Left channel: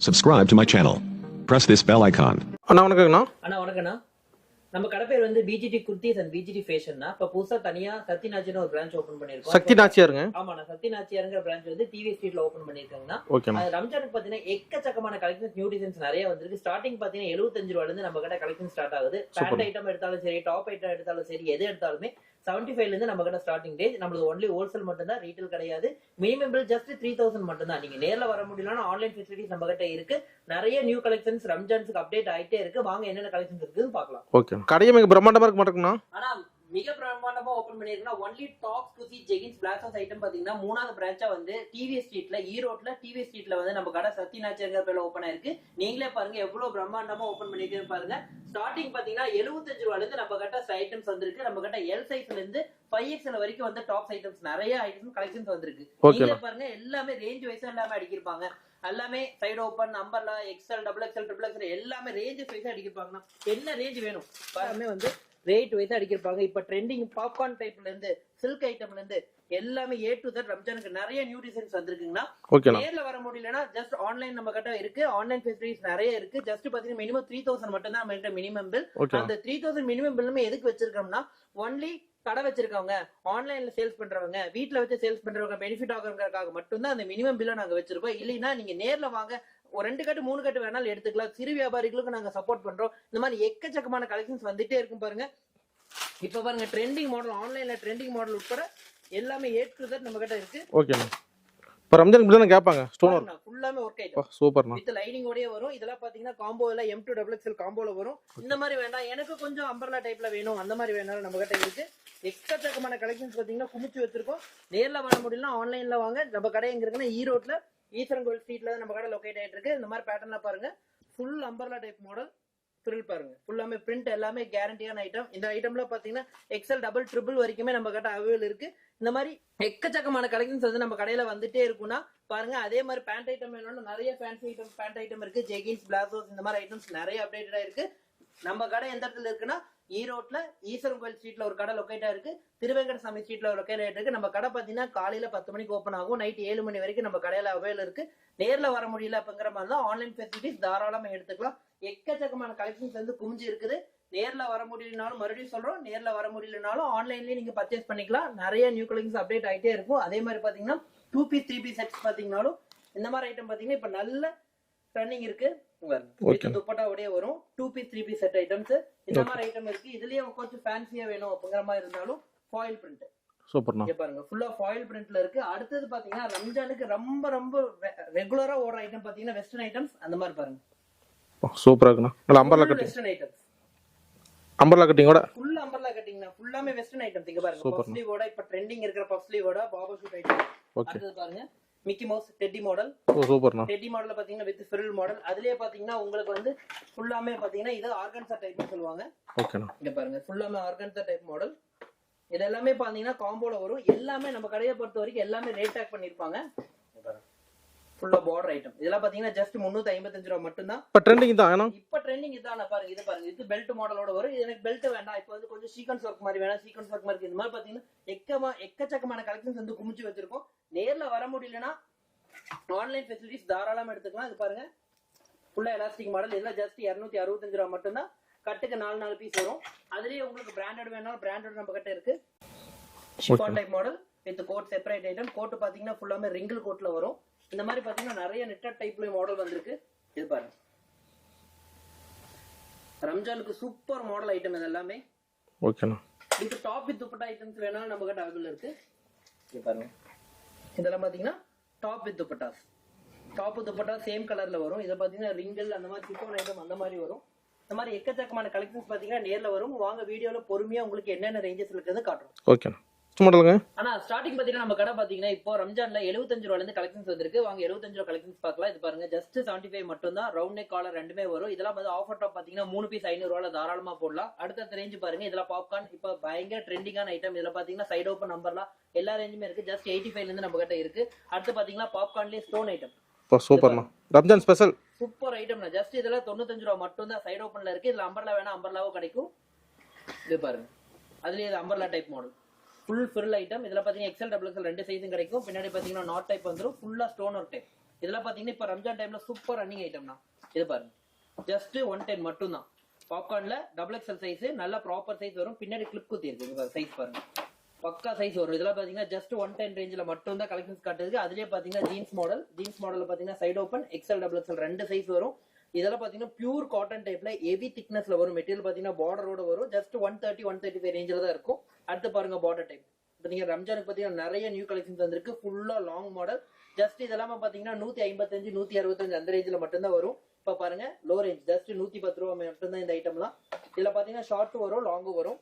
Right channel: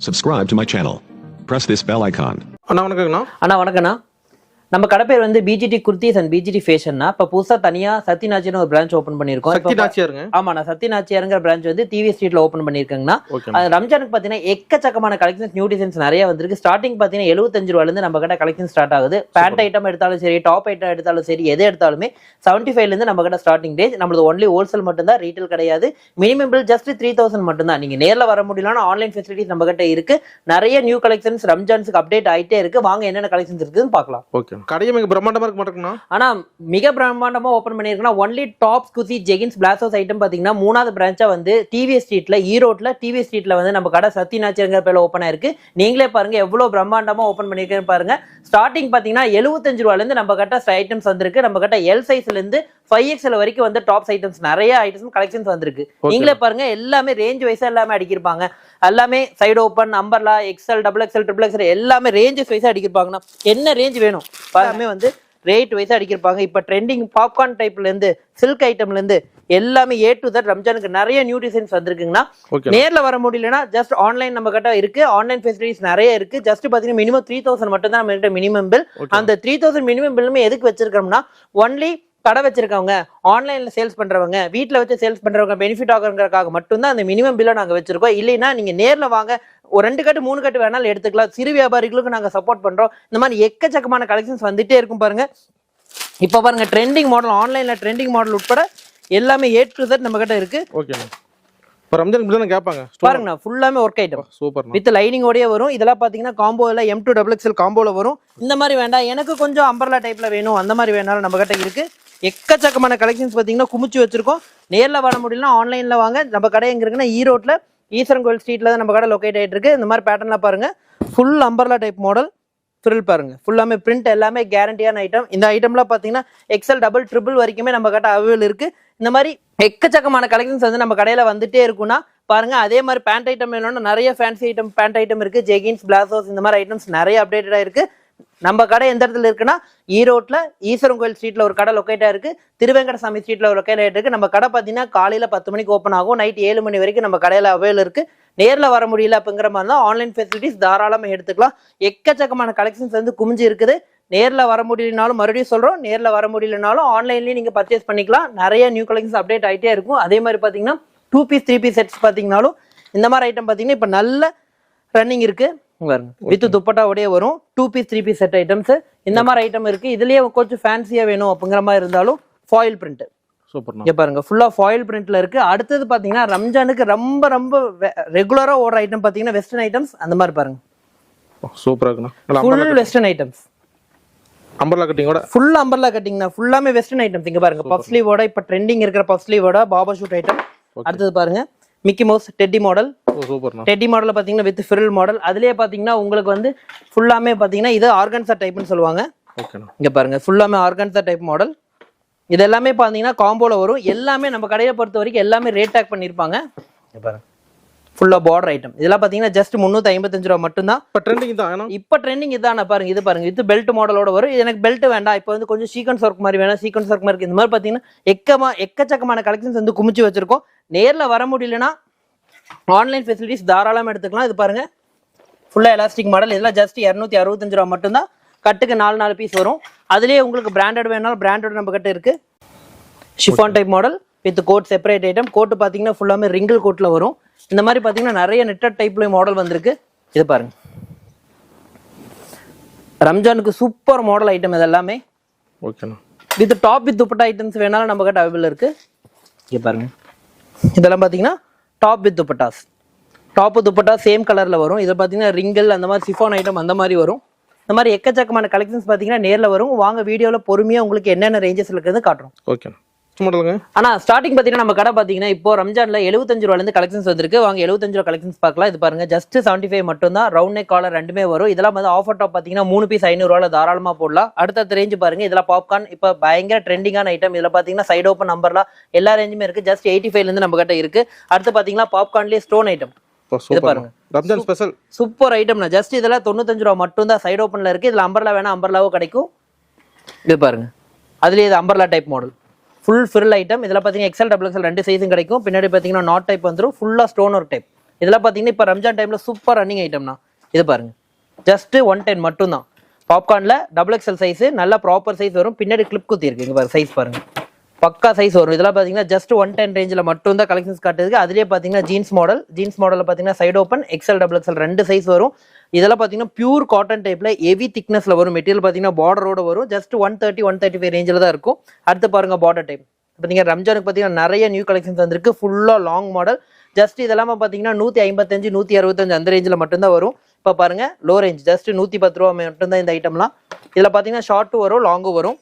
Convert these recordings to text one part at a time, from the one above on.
Subscribe to my channel. Press this bell icon. அண்ணா வணக்கங்கண்ணா அண்ணா வணக்கண்ணா நம்ம கடை பேர் வந்து பிஜிடி குர்த்திஸ் அண்ட் பிஜிடி ஃபேஷன்னா இப்போ புதுசா தனியா சத்யநாச்சின்னு ஒரு பிரான்ச் ஓப்பன் பண்ணியிருக்கோம். சக்தி இப்போ- நாச்சியாருங்க ஆமா நான் சத்யநாச்சியாருங்கிற பிரான்ச் வந்து டிவி ஸ்ட்ரீட்ல ஓப்பன் அது ரம்ஜானுக்கு பார்த்தீங்கன்னா எக்கச்சக்கமான கலெக்ஷன்ஸ் நியூ டிசைன்ஸ் நிறைய வந்திருக்கு. ஸ்டார்டிங் பார்த்தீங்கன்னா எழுபத்தஞ்சு ரூபாயிலிருந்து நம்ம கிட்ட கலெக்ஷன் ஸ்டார்ட் ஆகுது. பேண்ட் ஐட்டம் எடுத்தாலும் சரி டாப் ஐட்டம் எடுத்தாலும் சரி எது எடுத்தாலுமே செவன்ட்டி ஃபைவ்லேருந்து நம்ம கிட்ட ஸ்டார்டிங் ரேஞ்ச் நம்மளது ஒன்லி ஹோல்சேல் மட்டும்தான் ரீட்டைல் கிடையாது. Minimum bill just three thousand மட்டும்தான். நீங்க நேர்ல வர முடியலன்னா ஆன்லைன் ஃபெசிலிட்டிஸ் நம்ம கிட்ட இருக்கு. நிறைய நியூ கலெக்ஷன்ஸ் ரம்ஜான்ஸ்க்கு அப்டேட் ஆயிட்டே இருக்கு. வாங்க என்னென்ன கலெக்ஷன்ஸ் இருக்குன்னு பார்க்கலாம். ஓகே. கடையை மிக பிரம்மாண்டமா இருக்க மாட்டேங்கண்ணா ஆனா மிக பிரம்மாண்டமா ஓபன் பண்ணிருக்குன்னா ஒன்லி டாப்ஸ் குசி ஜெகின்ஸ் பிளாசோஸ் ஐட்டம் பாத்தீங்கன்னா மூணாவது பிரான்ச்சா வந்து டிவி ஸ்ட்ரீட்ல ஈரோட்ல டிவி ஸ்ட்ரீட்ல வந்து நம்ம கடை சத்யநாச்சியங்கிற பேர்ல ஓப்பன் ஆயிருக்கு. நீங்களே பாருங்க எவ்வளவு பிரம்மாண்டமா ஓபன் பண்ணிருக்கேன்னு பாருங்க. ஸ்டார்டிங் பாத்தீங்கன்னா எழுபத்தஞ்சு ரூபாயில இருந்து நம்ம கிட்ட ஐட்டம்ஸ் வந்திருக்கு. நம்ம கிட்ட எல் சைஸ்ல இருந்து ஃபைவ் எக்ஸ்எல் வரைக்கும் வந்து டாப்ஸ் ஐட்டம்ஸ் நிறைய ஐட்டம்ஸ் கலெக்ஷன்ஸ் வந்திருக்கு. நீங்களே பாருங்க எல்லாமே ரேஞ்ச் வைஸா எல்லாமே அடிக்கிருப்பாங்க. எல்லாமே side open நம்பர்லா XL double XL triple XL எல்லாமே ரேஞ்சஸ் வைஸா அடிக்கிருப்பாங்கண்ணா. என்ன ரேஞ்ச் வேணும்? எல்லாமே வந்து ரேட் வைஸா அடிக்கிருப்பாங்க. இப்ப ட்ரெண்டிங் பாப்கார்ன் டைப்ல இருந்து சில்க் ஐட்டம்ல இருந்து எல்லாமே ஏ டு தட் ரம்ஜானுக்கு நிறைய நியூ டிசைன்ஸ் வந்திருக்குங்கண்ணா. ஓகே நேர்ல வர முடியலன்னா ஜஸ்ட் ஆன்லைன் நம்ம கிட்ட இருக்கு. ஆன்லைன் ஃபெசிலிட்டிஸ் நிறைய இருக்கு. ஜஸ்ட் பாத்தீங்கன்னா மினிமம் த்ரீ தௌசண்ட் மட்டும் தான் நம்ம கிட்ட மினிமம் பில் அந்த த்ரீ தௌசண்ட் மினிமம் பில்லுமே எதுக்கு வச்சிருக்கோம்னா ஒன்லி கடை வச்சிருக்கவங்க ஆன்லைன்ல சேல்ஸ் பண்றவங்க வீட்ல வச்சு சேல்ஸ் பண்றவங்க பெனிஃபிட் ஆகுறதுக்காக மட்டும்தான் அந்த மினிமம் பில்லை நாங்க வச்சிருக்கோம். இல்லைன்னா நீங்க நேர்ல வாங்க ஒரு ரெண்டு கட்டு மூணு கட்டு வேணாலும் எடுத்துக்கலாம். சிறு வியாபாரிகளுக்கு நாங்க சப்போர்ட் பண்றோம். இந்த மாதிரி எக்கச்சக்கமான கலெக்ஷன்ஸ் வந்துட்டே இருக்கும் பாருங்க. இப்ப பாருங்க ட்ரெண்டிங் மாடல் ஆன்லைன்ல ட்ரெண்டிங் மாடல் உட்பட எல்லாமே ஏ டு Z நம்ம கிட்ட இருக்கு. இப்போ ரம்ஜான் இப்படி கேட்பாங்க? ஸ்டோர் பாருங்க ஃபுல்லாமே ஒர்க் ஐட்டம் சூப்பர்ண்ணா வித் லைனிங்கோடய வரும். இதெல்லாம் பாத்தீங்கன்னா காம்போல எம் டூ டபுள் எக்ஸ்எல் காம்போல வரும். இந்த மாதிரி வேண்டாம். எனக்கு கொஞ்சம் அம்பர்லா டைப்ல வேணும். அந்த மாதிரி வேணாலும் நம்ம கிட்ட இருக்கு. எக்கச்சக்கமான கலெக்ஷன்ஸ் பார்த்தீங்கன்னா குமிச்சு வச்சிருக்கோம். நேரில் வர முடியலன்னா ஆன்லைனில் வாங்க. நம்ம கடை எங்கே இருக்குன்னா ஈரோட்ல ஈஸ்வரன் கோயில் ஸ்ட்ரீட்ல தான் நம்ம கடை லொக்கேட் ஆயிட்டு இருக்கு. இந்த மாதிரி பேட்டர்ன்லாம் பாருங்க. Full umbrella type model frill பாருங்க. ஃபுல்லாமே பிரிண்ட் எல்லாமே கேரண்டியான ஐட்டம் இந்த ஐட்டம்லாம் பார்த்தீங்கன்னா எக்ஸல் டபுள் ட்ரிபிள் வரைக்குமே நம்ம கிட்ட அவைலபிள் இருக்கு. இந்த மாதிரி எக்கச்சக்கமான கலெக்ஷன்ஸ் வந்து நம்ம கடையில வந்துட்டே இருக்கும்னா பாருங்க. அதே மாதிரி பேண்ட் ஐட்டம் வேணும்னா நிறைய ஃபேன்சி ஐட்டம் பேண்ட் ஐட்டம் இருக்கு. ஜெகின்ஸ் பிளாசோஸ் இந்த மாதிரி ஐட்டம்ஸ் நிறைய அப்டேட்டடா இருக்கு. நம்ம கடை எந்த இடத்துல இருக்குன்னா ஈரோட்டில் ஈஸ்வரன் கோயில் ஸ்ட்ரீட்டில் ஒரு கடை லொக்கேட்டாக இருக்குது திருவேங்கடசாமி ஸ்ட்ரீட்டில் ஒரு லொக்கேட் இருக்கு. நம்ம கடை பார்த்தீங்கன்னா காலையில் பத்து மணிக்கு ஓப்பன் ஆகும். நைட் ஏழு மணி வரைக்கும் நம்ம கடையில் அவைலபிள் இருக்குது நேரில் வர முடியல அப்படிங்கிற மாதிரி தான் ஆன்லைன் ஃபெசிலிட்டிஸ் தாராளமாக எடுத்துக்கலாம். எக்கச்சக்கமான கலெக்ஷன்ஸ் வந்து குமிஞ்சு இருக்குது. நேரில் வர முடியலனாலும் மறுபடியும் சொல்கிறோம் நேரில் வர முடியலனாலும் ஆன்லைன்லேயே நீங்கள் பர்ச்சேஸ் பண்ணிக்கலாம். நிறைய நியூ கலெக்ஷன்ஸ் அப்டேட் ஆகிட்டே இருக்கும். அதே மாதிரி பார்த்தீங்கன்னா two piece three piece sets பார்த்தீங்கனாலும் இந்த மாதிரி ஐட்டம் பார்த்தீங்கன்னா இப்போ நல்ல ரன்னிங் இருக்குது வித் துப்பட்டாவோடய வரும் two piece three piece set items இந்த மாதிரி ஐட்டம் இருக்கு. இதுலயே கொஞ்சம் ஃபேன்சியா வேணும் அப்படிங்கிற மாதிரி இருந்தாலும் ஃபாயில் பிரிண்ட் சூப்பர்ண்ணா. இங்க பாருங்க ஃபுல்லா ஃபாயில் பிரிண்ட்ல இருக்கு. அடுத்தது பாத்தீங்கன்னா ரம்ஜானுக்கு ரொம்ப ரொம்ப ரெகுலரா ஓடுற ஐட்டம் பாத்தீங்கன்னா வெஸ்டர்ன் ஐட்டம்ஸ் அந்த மாதிரி பாருங்க. சூப்பரா இருக்குண்ணா. வெஸ்டர்ன் ஐட்டம்ஸ் அம்பர்லா கட்டிங்கோட ஃபுல் அம்பர்லா கட்டிங்னா ஃபுல்லாமே வெஸ்டர்ன் ஐட்டம்ஸ் இங்க பாருங்க பஃப் ஸ்லீவோட இப்ப ட்ரெண்டிங் இருக்கிற பஃப் ஸ்லீவோட பாபா ஷூட் ஐட்டம் அடுத்தது பாருங்க Mickey Mouse teddy model teddy மாடல்ல பாத்தீங்கன்னா வித் ஃபிரில் மாடல் அதுலயே பாத்தீங்கன்னா உங்களுக்கு வந்து ஃபுல்லாமே பாத்தீங்கன்னா இது ஆர்கன்சா டைப்னு சொல்லுவாங்க. ஓகேண்ணா. இங்க பாருங்க ஃபுல்லாமே ஆர்கன்சா டைப் மாடல் இது எல்லாமே பாத்தீங்கன்னா காம்போல வரும். எல்லாமே நம்ம கடையை பொறுத்த வரைக்கும் எல்லாமே ரேட் டேக் பண்ணிருப்பாங்க. இங்க பாருங்க. ஃபுல்லா பார்டர் ஐட்டம் இதெல்லாம் பாத்தீங்கன்னா ஜஸ்ட் முந்நூத்தி ஐம்பத்தஞ்சு ரூபா மட்டும்தான். இப்போ ட்ரெண்டிங் தான் இப்ப ட்ரெண்டிங் இதான பாருங்க இது பாருங்க. இது பெல்ட் மாடலோட வரும். எனக்கு பெல்ட் வேண்டாம். இப்போ வந்து கொஞ்சம் சீக்வன்ஸ் ஒர்க் மாதிரி வேணும். சீக்வன்ஸ் ஒர்க் மாதிரி இந்த மாதிரி பாத்தீங்கன்னா எக்கமா எக்கச்சக்கமான கலெக்ஷன்ஸ் வந்து குமிச்சு வச்சிருக்கோம். நேர்ல வர முடியலனா ஆன்லைன் ஃபெசிலிட்டிஸ் தாராளமா எடுத்துக்கலாம். இது பாருங்க. ஃபுல்லா எலாஸ்டிக் மாடல் இதெல்லாம் ஜஸ்ட் இரநூத்தி அறுபத்தஞ்சு ரூபா மட்டும்தான். கட்டுக்கு நாலு நாலு பீஸ் வரும். அதுலயே உங்களுக்கு பிராண்டட் வேணாலும் பிராண்டட் நம்ம கிட்ட இருக்கு chiffon type model with coat separate item coat பாத்தீங்கன்னா ஃபுல்லாமே ரிங்கிள் கோட்ல வரும். இந்த மாதிரி பாத்தீங்கன்னா நிறைய நெட்டட் டைப்ல மாடல் வந்திருக்கு. இது பாருங்க. ரம்ஜானுக்கு சூப்பர் மாடல் ஐட்டம் இது எல்லாமே. ஓகேண்ணா with top with dupatta items வேணாலும் நம்ம கிட்ட அவைலபிள் இருக்கு. இங்க பாருங்க. இதெல்லாம் பாத்தீங்கன்னா top with dupattas top dupatta same கலரில் வரும். இதை பார்த்தீங்கன்னா ரிங்கல் அந்த மாதிரி சிஃபான் ஐட்டம் அந்த மாதிரி வரும். இந்த மாதிரி எக்கச்சக்கமான கலெக்ஷன்ஸ் பார்த்தீங்கன்னா நேரில் வரும். வாங்க வீடியோவில் பொறுமையாக உங்களுக்கு என்னென்ன ரேஞ்சஸ் இருக்குது காட்டுறோம். ஓகேண்ணா மாடலுங்க ஆனா ஸ்டார்டிங் பாத்தீங்கன்னா நம்ம கடை பாத்தீங்கன்னா இப்போ ரம்ஜான்ல 75 ரூபால இருந்து கலெக்ஷன்ஸ் வந்திருக்கு. வாங்க 75 ரூபா கலெக்ஷன்ஸ் பார்க்கலாம். இது பாருங்க ஜஸ்ட் 75 ஃபைவ் மட்டும் தான் ரவுண்ட் நெக் காலர் ரெண்டுமே வரும். இதெல்லாம் வந்து ஆஃபர் டாப் பாத்தீங்கன்னா மூணு பீஸ் ஐநூறு ரூபால தாராளமா போடலாம். அடுத்த ரேஞ்ச் பாருங்க இதெல்லாம் பாப்கார்ன் இப்போ பயங்கர ட்ரெண்டிங்கான ஐட்டம் இதுல பாத்தீங்கன்னா சைடு ஓப்பன் நம்பர்லாம் எல்லா ரேஞ்சுமே இருக்கு. ஜஸ்ட் எயிட்டி ஃபைவ்ல இருந்து நம்ம கிட்ட இருக்கு. அடுத்து பாத்தீங்கன்னா பாப்கார்ன்லயே stone item Ramzan special super ஐட்டம்னா just இதெல்லாம் தொண்ணூத்தஞ்சு ரூபா மட்டும் தான் சைடு ஓப்பன்ல இருக்கு. இதுல அம்பர்லா வேணா அம்பர்லாவும் கிடைக்கும். இது பாருங்க. அதுலயே இது umbrella type model full fill item இதில் பார்த்தீங்கன்னா எக்ஸல் டபுள் எக்ஸல் ரெண்டு சைஸும் கிடைக்கும். பின்னாடி பார்த்தீங்கன்னா நாட் டைப் வந்துரும். ஃபுல்லாக ஸ்டோன் ஒர்க் டைப் இதெல்லாம் பார்த்தீங்கன்னா இப்போ ரம்ஜான் டைமில் சூப்பர் ரன்னிங் ஐட்டம்னா இது பாருங்க. ஜஸ்ட்டு ஒன் டென் மட்டும்தான். பாப்கார்னில் டபுள் எக்ஸல் சைஸு நல்ல ப்ராப்பர் சைஸ் வரும். பின்னாடி கிளிப் குத்தி இருக்கு. இங்க சைஸ் பாருங்க. பக்கா சைஸ் வரும். இதெல்லாம் பார்த்தீங்கன்னா ஜஸ்ட் ஒன் டென் ரேஞ்சில் மட்டும் தான் கலெக்ஷன்ஸ் காட்டுறதுக்கு. அதுலேயே பார்த்தீங்கன்னா ஜீன்ஸ் மாடல் ஜீன்ஸ் மாடலில் பார்த்தீங்கன்னா side open XL double XL ரெண்டு சைஸ் வரும். இதெல்லாம் பார்த்தீங்கன்னா பியூர் காட்டன் டைப்பில் ஹெவி திக்னஸில் வரும் மெட்டீரியல் பார்த்தீங்கன்னா பார்டரோட வரும். Just one thirty one thirty five ரேஞ்சில் தான் இருக்கும். அடுத்து பாருங்கள் பார்டர் டைப் பார்த்தீங்கன்னா ரம்ஜானுக்கு பார்த்தீங்கன்னா நிறைய நியூ கலெக்ஷன்ஸ் வந்திருக்கு. ஃபுல்லாக லாங் மாடல் ஜஸ்ட் இதெல்லாம் பார்த்தீங்கன்னா நூற்றி ஐம்பத்தஞ்சு நூற்றி அறுபத்தஞ்சு அந்த ரேஞ்சில் மட்டும்தான் வரும். இப்போ பாருங்கள் லோ ரேஞ்ச் ஜஸ்ட் நூற்றி பத்து ரூபா மட்டும்தான் இந்த ஐட்டம்லாம் இதில் பார்த்தீங்கன்னா ஷார்ட்டும் வரும் லாங்கும் வரும்.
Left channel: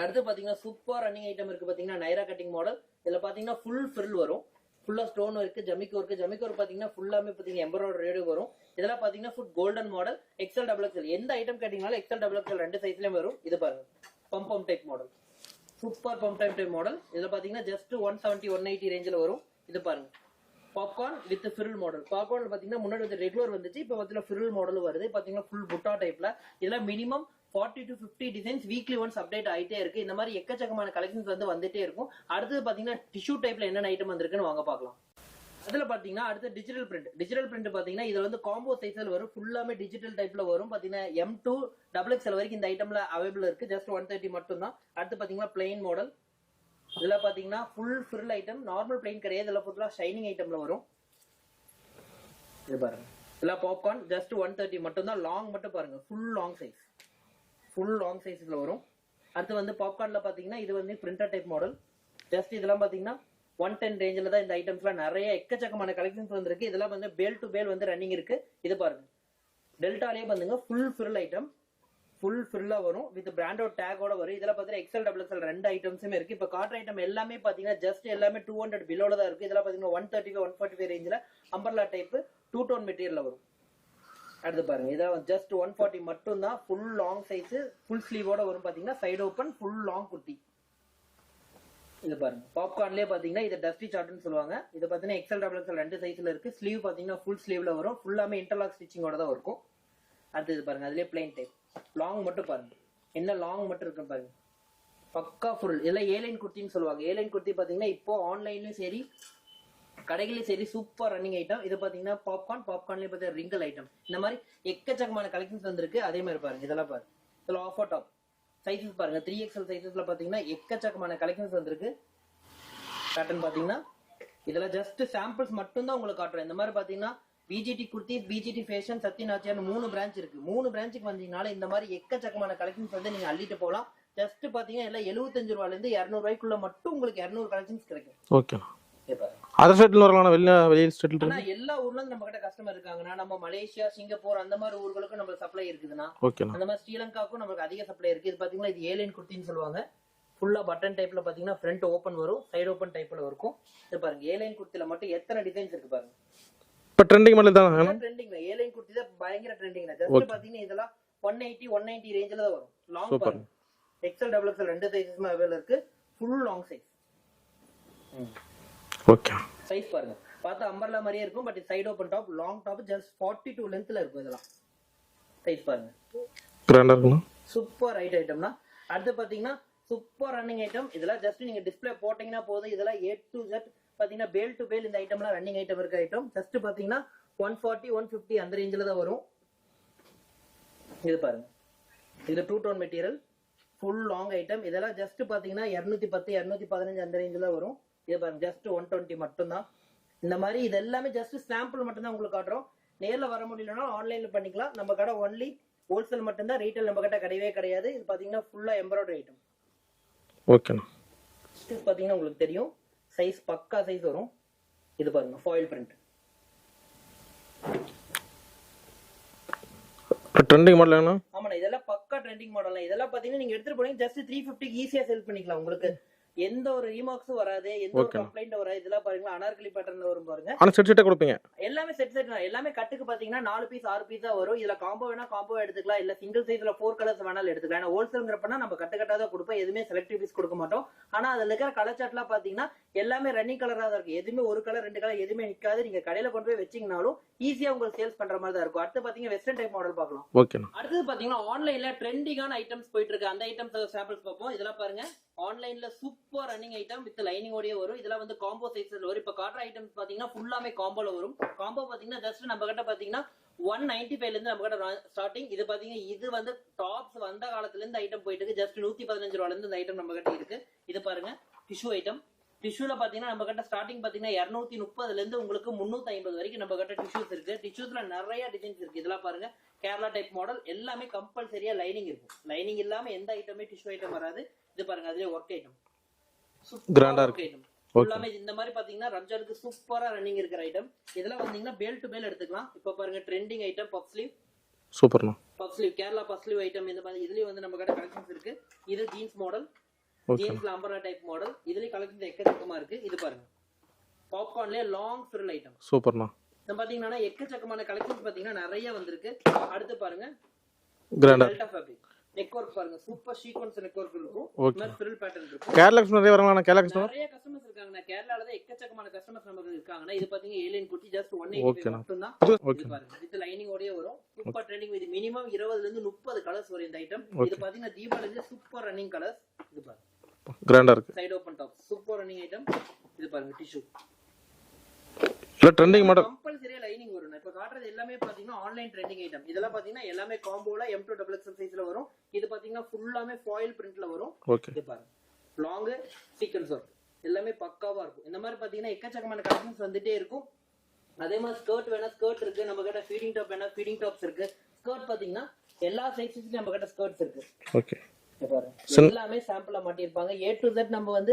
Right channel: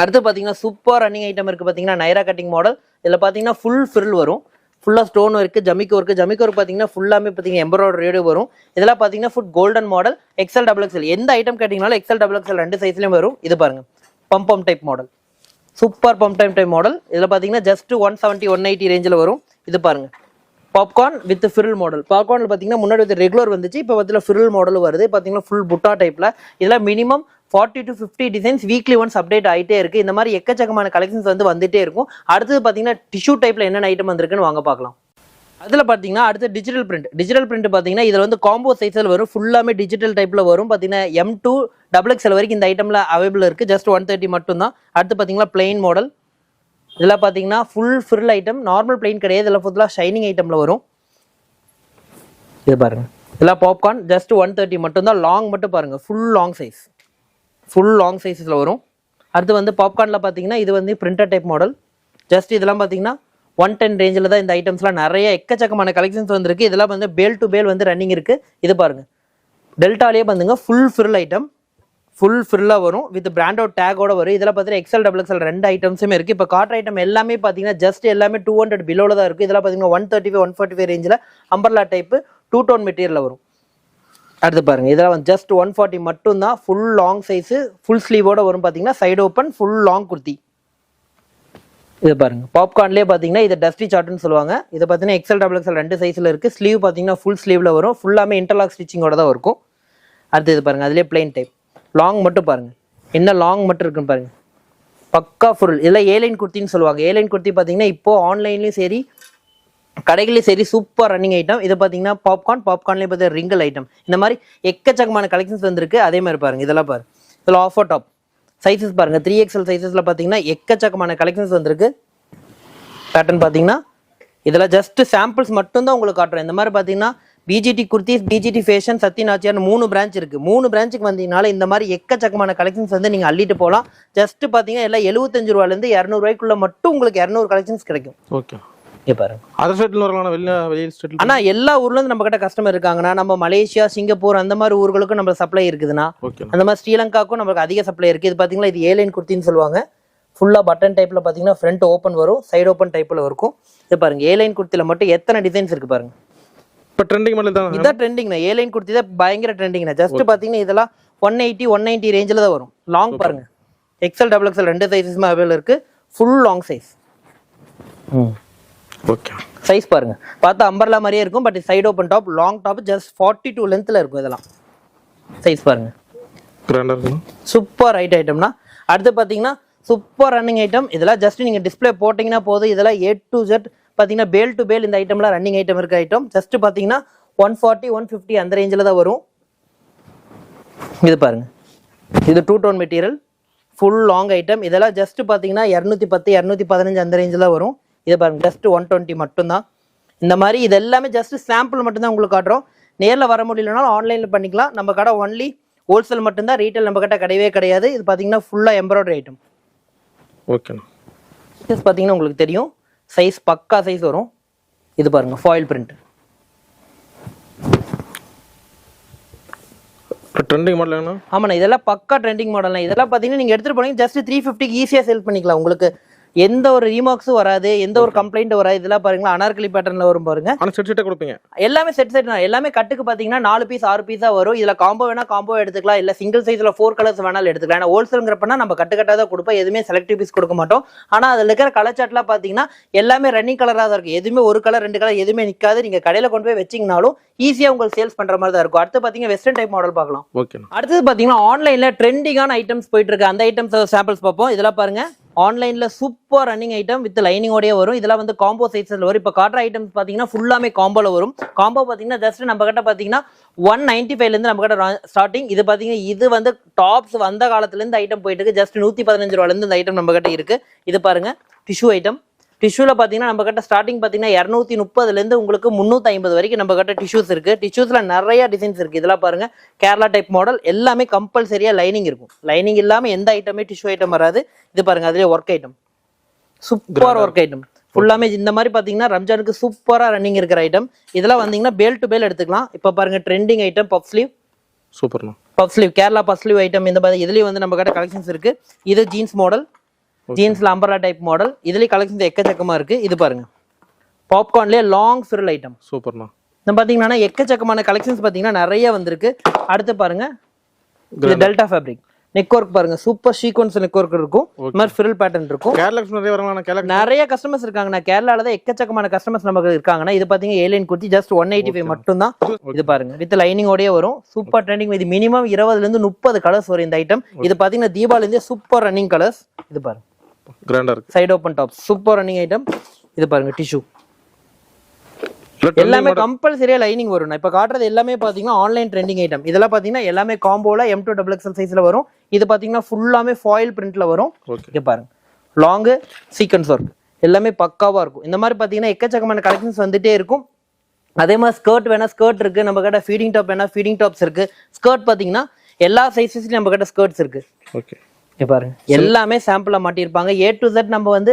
அடுத்து பார்த்தீங்கன்னா சூப்பர் ரன்னிங் ஐட்டம் இருக்குது பார்த்தீங்கன்னா நைரா கட்டிங் மாடல் இதில் பார்த்தீங்கன்னா ஃபுல் ஃபில் வரும். ஃபுல்லாக ஸ்டோன் ஒர்க்கு ஜமிக்கு ஒர்க்கு ஜமிக்கு ஒர்க் பார்த்தீங்கன்னா ஃபுல்லாமே பார்த்தீங்கன்னா எம்ப்ராய்டரி வரும். இதெல்லாம் பார்த்தீங்கன்னா food golden model XL double XL எந்த ஐட்டம் கேட்டிங்கனாலும் எக்ஸல் டபுள் எக்ஸல் ரெண்டு சைஸ்லையும் வரும். இது பாருங்க pump pump type model super pump time type model இதில் பார்த்தீங்கன்னா just one seventy one eighty ரேஞ்சில் வரும். இது பாருங்க பாப்கார்ன் வித் ஃபிரில் மாடல் பாப்கார்னில் பார்த்தீங்கன்னா முன்னாடி வந்து ரெகுலர் வந்துச்சு இப்போ பார்த்தீங்கன்னா ஃபிரில் மாடல் வருது. பார்த்தீங்கன்னா ஃபுல் புட்டா டைப்பில் இதெல்லாம் minimum forty to fifty designs weekly once update ஆகிட்டே இருக்கு. இந்த மாதிரி எக்கச்சக்கமான கலெக்ஷன்ஸ் வந்து வந்துட்டே இருக்கும். அடுத்தது பார்த்தீங்கன்னா டிஷ்யூ டைப்பில் என்னென்ன ஐட்டம் வந்திருக்குன்னு வாங்க பார்க்கலாம். அதில் பார்த்தீங்கன்னா அடுத்து டிஜிட்டல் பிரிண்ட் டிஜிட்டல் பிரிண்ட் பார்த்தீங்கன்னா இதில் வந்து காம்போ சைஸில் வரும். ஃபுல்லாமே டிஜிட்டல் டைப்பில் வரும். பார்த்தீங்கன்னா எம் டூ டபுள் எக்ஸ்எல் வரைக்கும் இந்த ஐட்டமில் அவைபிள் இருக்குது ஜஸ்ட் ஒன் தேர்ட்டி மட்டும்தான். அடுத்து பார்த்தீங்கன்னா பிளெயின் மாடல் இதில் பார்த்தீங்கன்னா full fill item normal plain கிடையாது. இதில் ஃபுல்லாக ஷைனிங் ஐட்டமில் வரும். இது பாருங்கள் இதெல்லாம் பாப்கார்ன் ஜஸ்ட் ஒன் தேர்ட்டி மட்டும்தான். லாங் மட்டும் பாருங்கள் full long size full long சைஸில் வரும். அடுத்து வந்து பாப்கார்னில் பார்த்தீங்கன்னா இது வந்து பிரிண்டர் டைப் மாடல் ஜஸ்ட் இதெல்லாம் பார்த்தீங்கன்னா ஒன் டென் ரேஞ்சில் தான் இந்த ஐட்டம்ஸ்லாம் நிறைய எக்கச்சக்கமான கலெக்ஷன்ஸ் வந்துருக்கு. இதெல்லாம் வந்து பேல் டு பேல் வந்து ரன்னிங் இருக்குது இது பாருங்கள் டெல்டாலேயே பார்த்துங்க ஃபுல் ஃபில் ஐட்டம் ஃபுல் ஃபில்லாக வரும். வித் பிராண்டோட டேகோட வரும். இதில் பார்த்தீங்கன்னா எக்ஸல் டபுள் எக்ஸல் ரெண்டு ஐட்டம்ஸுமே இருக்குது இப்போ காட்டுற ஐட்டம் எல்லாமே பார்த்தீங்கன்னா ஜஸ்ட் எல்லாமே டூ ஹண்ட்ரட் பிலோவில் தான் இருக்குது இதெல்லாம் பார்த்தீங்கன்னா one thirty five one forty five ரேஞ்சில் அம்பர்லா டைப்பு டூ டோன் மெட்டீரியலில் வரும். அடுத்து பாருங்க. இதெல்லாம் வந்து ஜஸ்ட் ஒன் ஃபார்ட்டி மட்டும் தான் ஃபுல் லாங் சைஸு ஃபுல் ஸ்லீவோட வரும் பார்த்தீங்கன்னா side open full long kurti இது பாருங்க. பாப்கார்ன்லேயே பார்த்தீங்கன்னா இது டஸ்டி சார்ட்னு சொல்லுவாங்க. இது பார்த்தீங்கன்னா எக்ஸல் டபுள் எக்ஸல் ரெண்டு சைஸில் இருக்குது ஸ்லீவ் பார்த்தீங்கன்னா ஃபுல் ஸ்லீவில் வரும். ஃபுல்லாமே இன்டர்லாக் ஸ்டிச்சிங்கோட தான் இருக்கும். அடுத்து இது பாருங்க. அதுலேயே பிளைன் டைப் லாங் மட்டும் பாருங்க. என்ன லாங் மட்டும் இருக்குன்னு பாருங்க. பக்கா ஃபுல் இதெல்லாம் ஏலைன் குர்த்தின்னு சொல்லுவாங்க. ஏலைன் குர்த்தி பார்த்தீங்கன்னா இப்போ ஆன்லைன்லேயும் சரி கடைகள்லையும் சரி சூப்பர் ரன்னிங் ஐட்டம் இது பார்த்தீங்கன்னா பாப்கார்ன் பாப்கார்ன்லேயே பார்த்தீங்கன்னா ரிங்கல் ஐட்டம் இந்த மாதிரி எக்கச்சக்கமான கலெக்ஷன்ஸ் வந்திருக்கு. அதே மாதிரி பாருங்க இதெல்லாம் பாருங்க இதில் ஆஃபர் டாப் சைஸஸ் பாருங்க த்ரீ எக்ஸல் சைஸஸில் பார்த்தீங்கன்னா எக்கச்சக்கமான கலெக்ஷன்ஸ் வந்திருக்கு. பேட்டர்ன் பார்த்தீங்கன்னா இதெல்லாம் ஜஸ்ட் சாம்பிள்ஸ் மட்டும்தான் உங்களுக்கு காட்டுறேன். இந்த மாதிரி பார்த்தீங்கன்னா BGT kurtis BGT fashion Sathya Nachiyar மூணு பிரான்ச் இருக்கு. மூணு பிரான்ச்சுக்கு வந்தீங்கனால இந்த மாதிரி எக்கச்சக்கமான கலெக்ஷன்ஸ் வந்து நீங்க அள்ளிட்டு போகலாம். ஜஸ்ட் பார்த்தீங்கன்னா எல்லாம் எழுபத்தஞ்சு ரூபாலேருந்து இரநூறுவாய்க்குள்ளே மட்டும் உங்களுக்கு இரநூறு கலெக்ஷன்ஸ் கிடைக்கும். ஓகே அதர் ஸ்டேட்டில் வரலாம் வெளியே ஆனா எல்லா ஊர்ல இருந்து நம்ம கிட்ட கஸ்டமர் இருக்காங்கன்னா நம்ம மலேசியா சிங்கப்பூர் அந்த மாதிரி ஊர்களுக்கும் நம்ம சப்ளை இருக்குதுன்னா அந்த மாதிரி ஸ்ரீலங்காவுக்கும் நமக்கு அதிக சப்ளை இருக்கு. இது பாத்தீங்கன்னா இது ஏலைன் குர்த்தின்னு சொல்லுவாங்க. ஃபுல்லா பட்டன் டைப்ல பாத்தீங்கன்னா ஃப்ரண்ட் ஓப்பன் வரும் சைடு ஓப்பன் டைப்ல இருக்கும். இது பாருங்க ஏலைன் குர்த்தில மட்டும் எத்தனை டிசைன்ஸ் இருக்கு பாருங்க. இப்போ ட்ரெண்டிங் மாடல் தான் இதான் ட்ரெண்டிங்னா ஏலைன் குர்த்தி தான் பயங்கர ட்ரெண்டிங்னா ஜஸ்ட் பாத்தீங்கன்னா இதெல்லாம் ஒன் எயிட்டி ஒன் நைன்டி ரேஞ்சில் தான் வரும். லாங் பாருங்க. எக்ஸல் டபுள் எக்ஸல் ரெண்டு சைஸஸுமே அவைலபிள் இருக்கு. Full long size okay size பாருங்க. பார்த்தா அம்பர்லா மாதிரியே இருக்கும் but side open top long top just forty two லென்த்ல இருக்கும் இதெல்லாம். சைஸ் பாருங்க. சூப்பர் ரைட் ஐட்டம்னா அடுத்து பார்த்தீங்கன்னா சூப்பர் ரன்னிங் ஐட்டம் இதெல்லாம் ஜஸ்ட் நீங்கள் டிஸ்ப்ளே போட்டிங்கன்னா போதும். இதெல்லாம் ஏ டு ஜெட் பார்த்தீங்கன்னா பேல் டு பேல் இந்த ஐட்டம்லாம் ரன்னிங் ஐட்டம் இருக்க ஐட்டம் ஜஸ்ட் பார்த்தீங்கன்னா ஒன் ஃபார்ட்டி ஒன் ஃபிஃப்டி அந்த ரேஞ்சில் தான் வரும். இது பாருங்க. இது two tone material full long item இதெல்லாம் ஜஸ்ட் பார்த்தீங்கன்னா இரநூத்தி பத்து இரநூத்தி பதினஞ்சு அந்த ரேஞ்சில் தான் வரும். இது பாருங்க ஜஸ்ட் ஒன் டுவெண்ட்டி மட்டும்தான். இந்த மாதிரி இது எல்லாமே ஜஸ்ட் சாம்பிள் மட்டும்தான் உங்களுக்கு காட்டுறோம். நேரில் வர முடியலனாலும் ஆன்லைனில் பண்ணிக்கலாம். நம்ம கடை ஒன்லி ஹோல்சேல் மட்டும்தான். ரீட்டைல் நம்ம கிட்ட கிடையவே கிடையாது. இது பார்த்தீங்கன்னா ஃபுல்லாக எம்ப்ராய்டரி ஐட்டம் ஓகேண்ணா சைஸ் பார்த்தீங்கன்னா உங்களுக்கு தெரியும். சைஸ் பக்கா சைஸ் வரும். இது பாருங்க ஃபாயில் பிரிண்ட் ட்ரெண்டிங் மாடல் ஆமாண்ணா இதெல்லாம் பக்கா ட்ரெண்டிங் மாடல் இதெல்லாம் பார்த்தீங்கன்னா நீங்கள் எடுத்துகிட்டு போனீங்க ஜஸ்ட் த்ரீ ஃபிஃப்டிக்கு ஈஸியாக சேல் பண்ணிக்கலாம். உங்களுக்கு எந்த ஒரு ரீமார்க்ஸும் வராது எந்த ஒரு கம்ப்ளைண்ட் வராது இதெல்லாம் பாருங்களா அனார்கலி பேட்டர்னில் வரும் பாருங்க. ஆனால் செட் கொடுப்பீங்க. எல்லாமே செட் செட் தான் எல்லாமே கட்டுக்கு பார்த்தீங்கன்னா நாலு பீஸ் ஆறு பீஸாக வரும். இதில் காம்போ வேணா காம்போ எடுத்துக்கலாம். இல்லை சிங்கிள் சைஸில் ஃபோர் கலர்ஸ் வேணாலும் எடுத்துக்கலாம். ஏன்னா ஹோல்சேலுங்கிறப்பனா நம்ம கட்டு கட்டாக தான் கொடுப்போம். எதுவுமே செலக்டிவ் பீஸ் கொடுக்க மாட்டோம். ஆனால் அதில் இருக்கிற கலர் சாட்லாம் பார்த்தீங்கன்னா எல்லாமே ரன்னிங் கலராக தான் இருக்கும். எதுவுமே ஒரு கலர் ரெண்டு கலர் எதுவுமே நிற்காது நீங்கள் கடையில் கொண்டு போய் வச்சிங்கனாலும் ஈஸியாக உங்களுக்கு சேல்ஸ் பண்ணுற மாதிரி தான் இருக்கும். அடுத்து பார்த்தீங்கன்னா வெஸ்டர்ன் டைப் மாடல் பார்க்கலாம். ஓகேண்ணா அடுத்தது பார்த்தீங்கன்னா ஆன்லைனில் ட்ரெண்டிங்கான ஐட்டம்ஸ் போயிட்டு இருக்கு. அந்த ஐட்டம்ஸ் சாம்பிள்ஸ் பார்ப்போம். இதெல்லாம் பாருங்க. ஆன்லைன்ல சூப்பர் ரன்னிங் ஐட்டம் வித் லைனிங்கோடய வரும். இதெல்லாம் வந்து காம்போ சைஸில் வரும். இப்போ காட்டுற ஐட்டம்ஸ் பார்த்தீங்கன்னா ஃபுல்லாமே காம்போல வரும். காம்போ பார்த்தீங்கன்னா ஜஸ்ட் நம்ம கிட்ட பார்த்தீங்கன்னா ஒன் நைன்டி ஃபைவ்லேருந்து நம்ம கிட்ட ஸ்டார்டிங் இது பார்த்தீங்கன்னா இது வந்து டாப்ஸ் வந்த காலத்துலேருந்து ஐட்டம் போயிட்டு இருக்கு. ஜஸ்ட் நூற்றி பதினஞ்சு ரூபாலேருந்து இந்த ஐட்டம் நம்ம கிட்ட இருக்கு. இது பாருங்க டிஷ்யூ ஐட்டம் டிஷ்யூல பாத்தீங்கன்னா நம்ம கிட்ட ஸ்டார்டிங் பாத்தீங்கன்னா இரநூத்தி முப்பதுல இருந்து உங்களுக்கு முந்நூத்தி ஐம்பது வரைக்கும் நம்ம கிட்ட டிஷ்யூஸ் இருக்கு. டிஷ்யூஸ்ல நிறைய டிசைன்ஸ் இருக்கு. இதெல்லாம் பாருங்க. கேரளா டைப் மாடல் எல்லாமே கம்பல்சரியா லைனிங் இருக்கும். லைனிங் இல்லாம எந்த ஐட்டமே டிஷ்யூ ஐட்டம் வராது. இது பாருங்க அதுலயே work item super work item ஃபுல்லாமே இந்த மாதிரி பாத்தீங்கன்னா ரம்ஜானுக்கு சூப்பரா ரன்னிங் இருக்கிற ஐட்டம் இதெல்லாம் வந்தீங்கன்னா பேல் டு பேல் எடுத்துக்கலாம். இப்போ பாருங்க ட்ரெண்டிங் ஐட்டம் பஃப் ஸ்லீவ் சூப்பர்ண்ணா puff sleeve Kerala puff sleeve item இந்த மாதிரி இதுலயும் வந்து நம்ம கிட்ட கலெக்ஷன்ஸ் இருக்கு. இது ஜீன்ஸ் மாடல் ஜீன்ஸ்ல அம்பரா டைப் மாடல் இதுலயும் கலெக்ஷன்ஸ் எக்கச்சக்கமா இருக்கு. இது பாருங்க. பாப்கார்ன்லயே லாங் ஃபிரில் ஐட்டம் சூப்பர்ண்ணா. இந்த பாத்தீங்கன்னா எக்கச்சக்கமான கலெக்ஷன்ஸ் பாத்தீங்கன்னா நிறைய வந்திருக்கு. அடுத்து பாருங்க. டெல்டா ஃபேப்ரிக் நெக் ஒர்க் பாருங்க. சூப்பர் சீக்வன்ஸ் நெக் ஒர்க் இருக்கும். இந்த மாதிரி ஃபிரில் பேட்டர்ன் இருக்கும். கேரளா நிறைய வரலாம் நிறைய கஸ்டமர்ஸ் இருக்காங்கண்ணா. கேரளால தான் எக்கச்சக்கமான கஸ்டமர்ஸ் நமக்கு இருக்காங்கண்ணா. இது பாத்தீங்க alien kurti just one eighty five மட்டும் தான் இது பாருங்க. வித் லைனிங்கோடய வரும். சூப்பர் ட்ரெண்டிங் இது மினிமம் இருபதுல இருந்து முப்பது கலர்ஸ் வரும் இந்த ஐட்டம் இது பாத்தீங்கன்னா தீபாவளி இருந்தே சூப்பர் ரன்னிங் கலர்ஸ் இது பாருங்க. கிராண்டா இருக்கு. Side open top super running item இது பாருங்க டிஷ்யூ எல்லாமே கம்பல்சரியா லைனிங் வரும் இப்ப காட்டுறது எல்லாமே பாத்தீங்கன்னா ஆன்லைன் ட்ரெண்டிங் ஐட்டம் இதெல்லாம் பாத்தீங்கன்னா எல்லாமே காம்போல எம் டூ டபுள் எக்ஸல் சைஸ்ல வரும். இது பாத்தீங்கன்னா ஃபுல்லாமே ஃபாயில் பிரிண்ட்ல வரும். இங்க பாருங்க. லாங்கு சீக்வன்ஸ் ஒர்க் எல்லாமே பக்காவா இருக்கும். இந்த மாதிரி பாத்தீங்கன்னா எக்கச்சக்கமான கலெக்ஷன்ஸ் வந்துட்டே இருக்கும். அதே மாதிரி ஸ்கர்ட் வேணா ஸ்கர்ட் இருக்கு. நம்ம கிட்ட ஃபீடிங் டாப் வேணா ஃபீடிங் டாப்ஸ் இருக்கு. ஸ்கர்ட் பாத்தீங்கன்னா எல்லா சைஸஸ்லயும் நம்ம கிட்ட ஸ்கர்ட்ஸ் இருக்கு. ஓகே பாருங்க. எல்லாமே சாம்பிளா மாட்டியிருப்பாங்க. ஏ டு Z நம்ம வந்து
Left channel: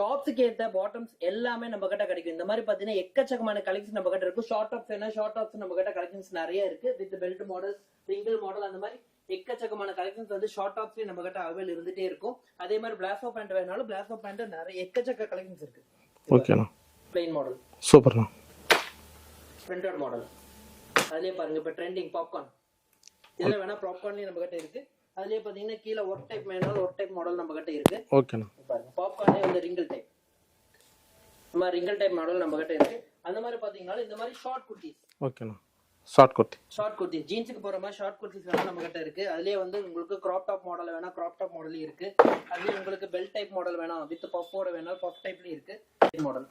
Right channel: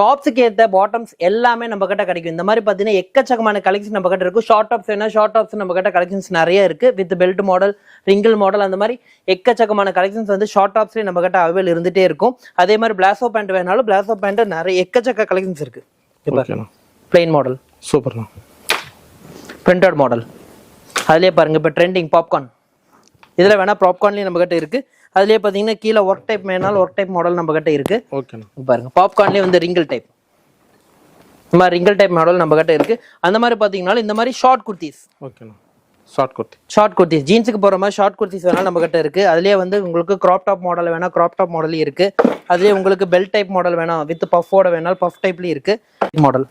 டாப்ஸுக்கு ஏத்த பாட்டம்ஸ் எல்லாமே நம்ம கிட்ட கிடைக்கும். இந்த மாதிரி பாத்தீங்கன்னா எக்கச்சக்கமான கலெக்ஷன் நம்ம கிட்ட இருக்கும். ஷார்ட் டாப்ஸ் வேணா ஷார்ட் டாப்ஸ் நம்ம கிட்ட கலெக்ஷன்ஸ் நிறைய இருக்கு. With belt model wrinkle model அந்த மாதிரி எக்கச்சக்கமான கலெக்ஷன்ஸ் வந்து ஷார்ட் டாப்ஸ்லயே நம்ம கிட்ட அவைல் இருந்துட்டே இருக்கும். அதே மாதிரி பிளாசோ பேண்ட் வேணாலும் பிளாசோ பேண்ட் நிறைய எக்கச்சக்க கலெக்ஷன்ஸ் இருக்கு. பிளெயின் மாடல் சூப்பர்ண்ணா பிரிண்டட் மாடல் அதுலயே பாருங்க இப்போ ட்ரெண்டிங் பாப்கார்ன் இதுல வேணா பாப்கார்ன்லயும் நம்ம கிட்ட இருக்கு. அதுலயே பாத்தீங்கன்னா கீழே ஒர்க் டைப் வேணாலும் ஒர்க் டைப் மாடல் நம்ம கிட்ட இருக்கு ஓகேண்ணா பாருங்க. பாப்கார்ன்லயே வந்து ரிங்கிள் டைப் இந்த மாதிரி ரிங்கிள் டைப் மாடல் நம்ம கிட்ட இருக்கு. அந்த மாதிரி பாத்தீங்கன்னா இந்த மாதிரி ஷார்ட் குர்த்திஸ் ஓகேண்ணா ஷார்ட் குர்த்தி ஷார்ட் குர்த்திஸ் ஜீன்ஸுக்கு போற மாதிரி ஷார்ட் குர்த்திஸ் வேணா நம்ம கிட்ட இருக்கு. அதுலயே வந்து உங்களுக்கு கிராப் டாப் மாடல் வேணா கிராப் டாப் மாடலும் இருக்கு. அதுலயே உங்களுக்கு பெல்ட் டைப் மாடல் வேணா வித் பஃபோட வேணாலும் பஃப் டைப்லயும் இருக்கு. மாடல்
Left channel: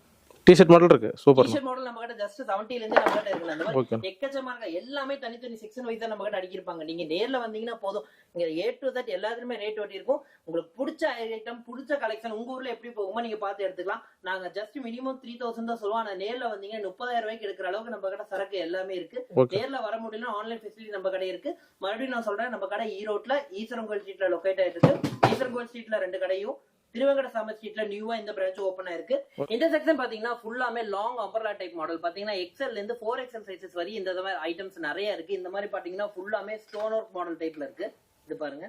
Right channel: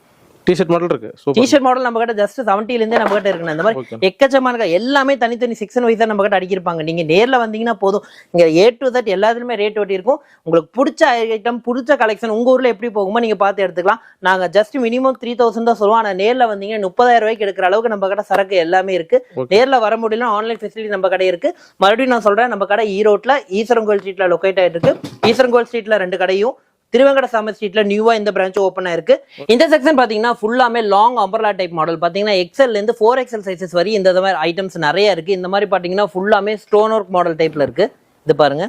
டிஷர்ட் மாடல் இருக்கு. சூப்பர் டிஷர்ட் மாடல் நம்ம கிட்ட ஜஸ்ட் செவன்டில இருந்தே நம்ம கிட்ட இருக்கு இந்த மாதிரி. எக்கச்சமான எல்லாமே தனித்தனி செக்ஷன் வைஸா நம்ம கிட்ட அடிக்கிருப்பாங்க. நீங்க நேர்ல வந்தீங்கன்னா போதும். இங்க ஏ டு தட் எல்லாத்துலயுமே ரேட் ஒட்டி இருக்கும். உங்களுக்கு பிடிச்ச ஐட்டம் பிடிச்ச கலெக்ஷன் உங்க ஊர்ல எப்படி போகுமோ நீங்க பார்த்து எடுத்துக்கலாம். நாங்க ஜஸ்ட் மினிமம் த்ரீ தௌசண்ட் தான் சொல்லுவோம். ஆனா நேர்ல வந்தீங்கன்னா முப்பதாயிரம் ரூபாய்க்கு எடுக்கிற அளவுக்கு நம்ம கிட்ட சரக்கு எல்லாமே இருக்கு. நேர்ல வர முடியல ஆன்லைன் ஃபெசிலிட்டி நம்ம கடை இருக்கு. மறுபடியும் நான் சொல்றேன் நம்ம கடை ஈரோட்ல ஈஸ்வரங்கோல் ஸ்ட்ரீட்ல லொக்கேட் ஆயிட்டு இருக்கு. ஈஸ்வரங்கோல் ஸ்ட்ரீட்ல ரெண்டு கடையும். திருவங்கட சாமி ஸ்ட்ரீட்ல நியூவா இந்த பிரான்ச் ஓப்பன் ஆயிருக்கு. இந்த செக்ஷன் பாத்தீங்கன்னா ஃபுல்லாமே லாங் அம்பர்லா டைப் மாடல் பாத்தீங்கன்னா எக்ஸல்ல இருந்து ஃபோர் எக்ஸல் சைசஸ் வரை இந்த மாதிரி ஐட்டம்ஸ் நிறைய இருக்கு. இந்த மாதிரி பாத்தீங்கன்னா ஃபுல்லாமே ஸ்டோன் ஒர்க் மாடல் டைப்ல இருக்கு. இது பாருங்க.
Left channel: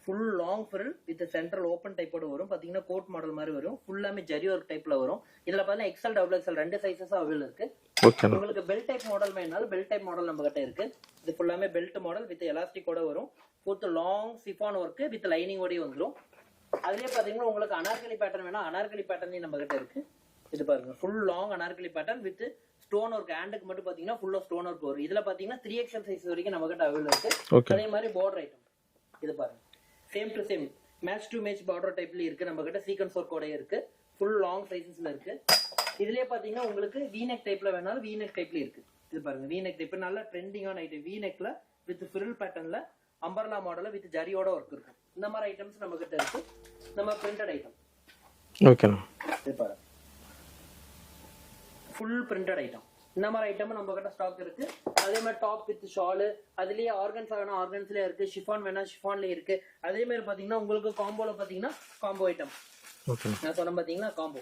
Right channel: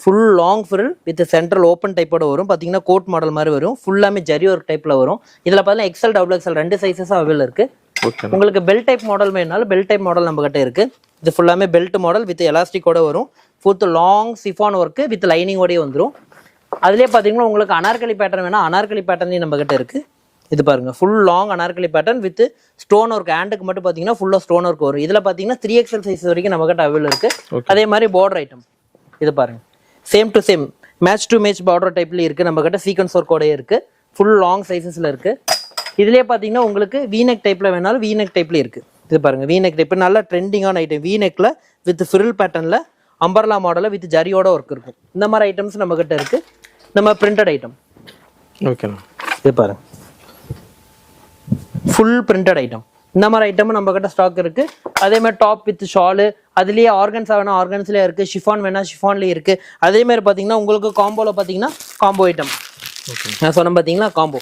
Full long fill with central open டைப்போட வரும். பாத்தீங்கன்னா கோட் மாடல் மாதிரி வரும். ஃபுல்லாமே ஜரி ஒர்க் டைப்ல வரும். இதுல பாத்தீங்கன்னா எக்ஸல் டபுள் எக்ஸல் ரெண்டு சைசஸ் அவைலபிள் இருக்கு. ஓகேண்ணா உங்களுக்கு பெல் டைப் மாடல் வேணாலும் பெல் டைப் மாடல் நம்ம கிட்ட இருக்கு. இது ஃபுல்லாமே பெல்ட் மாடல் வித் எலாஸ்டிக்கோட வரும். Full long chiffon work with லைனிங்கோடய வந்துரும். அதுலயே பாத்தீங்கன்னா உங்களுக்கு அனார்கலி பேட்டர்ன் வேணா அனார்கலி பேட்டர்ன் நம்ம கிட்ட இருக்கு. இது பாருங்க full long Anarkali pattern with stone work ஹேண்டுக்கு மட்டும் பாத்தீங்கன்னா ஃபுல்லா ஸ்டோன் ஒர்க் வரும். இதுல பாத்தீங்கன்னா த்ரீ எக்ஸல் சைஸ் வரைக்கும் நம்ம கிட்ட அவைலபிள் இருக்கு. Okay. அதே மாதிரி பார்டர் ஐட்டம் இது பாருங்க. Same to same match to match border டைப்ல இருக்கு நம்ம கிட்ட சீக்வன்ஸ் ஒர்க்கோடய இருக்கு. ஃபுல் லாங் சைஸஸ்ல இருக்கு. இதுலயே பாத்தீங்கன்னா உங்களுக்கு வீனெக் டைப்ல வேணாலும் வீனெக் டைப்ல இருக்கு. இது பாருங்க வீனெக் டைப் நல்ல ட்ரெண்டிங்கான ஐட்டம் வீனெக்ல வித் ஃபிரில் பேட்டர்ன்ல அம்பர்லா மாடல்ல வித் ஜரியோட ஒர்க் இருக்கும். இந்த மாதிரி ஐட்டம்ஸ் நம்ம கிட்ட இருக்கு. நம்ம பிரிண்டட் ஐட்டம் ஓகேண்ணா இது பாருங்க. ஃபுல் பிரிண்டட் ஐட்டம் இந்த மாதிரி ஐட்டமும் நம்ம கிட்ட ஸ்டாக் இருக்கு. அதே மாதிரி டாப் வித் ஷாலு அதுலயே ஆர்கன்ஸா வேணா ஆர்கன்ஸ்லயே இருக்கு. ஷிஃபான் வேணா ஷிஃபான்லயே இருக்கு. அதே மாதிரி பாத்தீங்கன்னா உங்களுக்கு காம்போல பாத்தீங்கன்னா காம்போ ஐட்டம் ஓகே நான் சொன்னேன் பாத்தீங்கன்னா காம்போ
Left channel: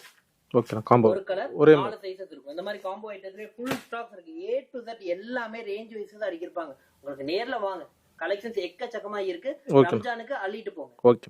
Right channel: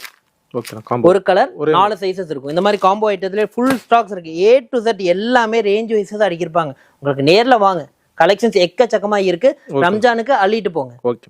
ஒரு கலர் ஒரே நாலு சைஸஸ் இருக்கும். இந்த மாதிரி காம்போ ஐட்டத்துல ஃபுல் ஸ்டாக்ஸ் இருக்கு. ஏ டு Z எல்லாமே ரேஞ்ச் வைஸ் தான் அடிக்கிருப்பாங்க. உங்களுக்கு நேர்ல வாங்க. கலெக்ஷன்ஸ் எக்கச்சக்கமா இருக்கு. ரம்ஜானுக்கு அள்ளிட்டு போங்க. ஓகே